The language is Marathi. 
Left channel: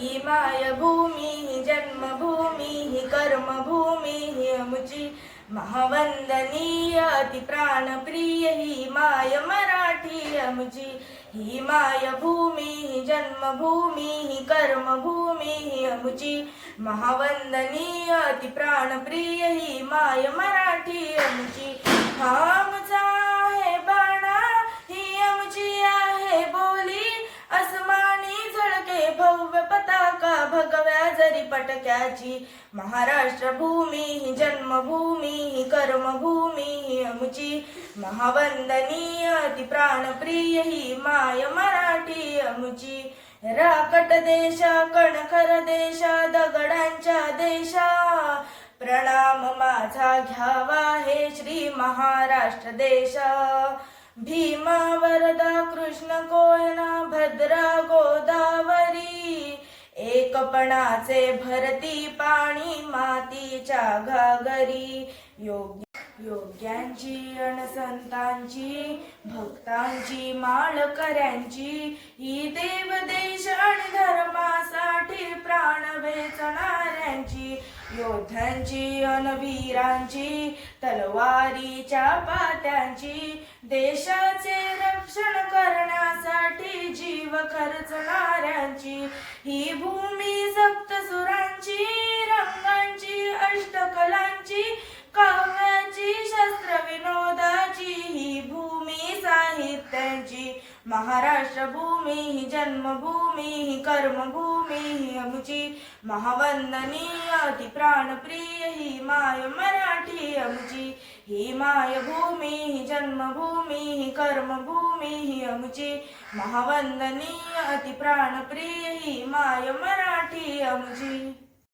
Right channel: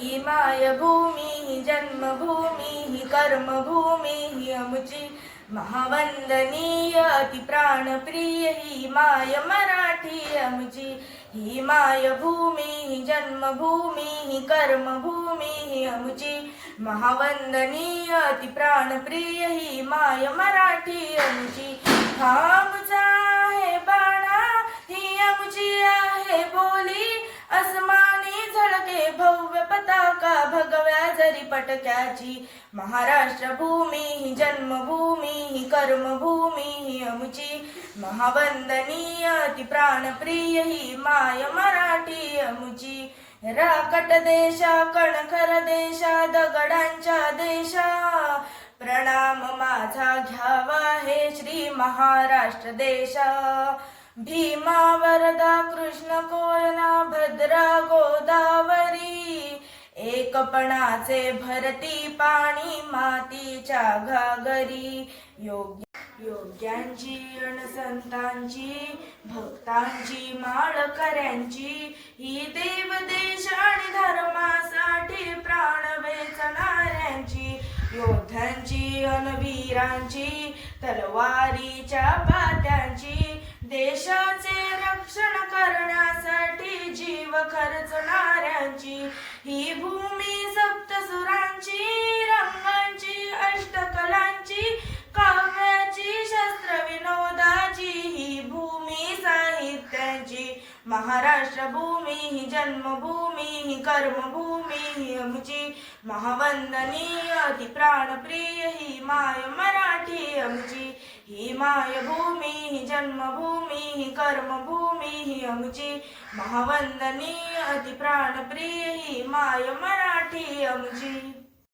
ही मायभूमी ही जन्मभूमी ही कर्मभूमी ही अमुची महावंदनीय अति प्राणप्रिय ही माय मराठी अमुची ही मायभूमी ही जन्मभूमी ही कर्मभूमी ही अमुची महावंदनीय अति प्राणप्रिय ही माय मराठी अमुची हा पटक्याची. महाराष्ट्र भूमी ही जन्मभूमी ही कर्मभूमी ही अमुची महावंदनीय ती प्राणप्रिय ही माय मराठी अमुची राकट देशा कणखर देशा दगडांच्या देशा. प्रणाम माझा घ्यावा हे श्री महाराष्ट्र देशा. भीमा वरदा कृष्ण कोयना भद्रा एकपणाचे भरती पाणी मातीच्या घागरी. योग्य योग्यांची अणसंतांची भक्तांची माळकऱ्यांची. ही देव देश आणि धर्मा वेचणाऱ्यांची योद्ध्यांची अनवीरांची तलवारीच्या पात्यांची देशाचे रक्षण करण्यासाठी जीव खर्चणाऱ्यांची ही भूमी सप्तसुरांची त्यांची महाराष्ट्र भूमी ही जन्मभूमी ही कर्मभूमी ही आमची महावंदनीय ती प्राणप्रिय ही माय मराठी आमची. ही माय भूमी ही जन्मभूमी ही कर्मभूमी ही आमची महावंदनीय ती प्राणप्रिय ही माय मराठी आमची.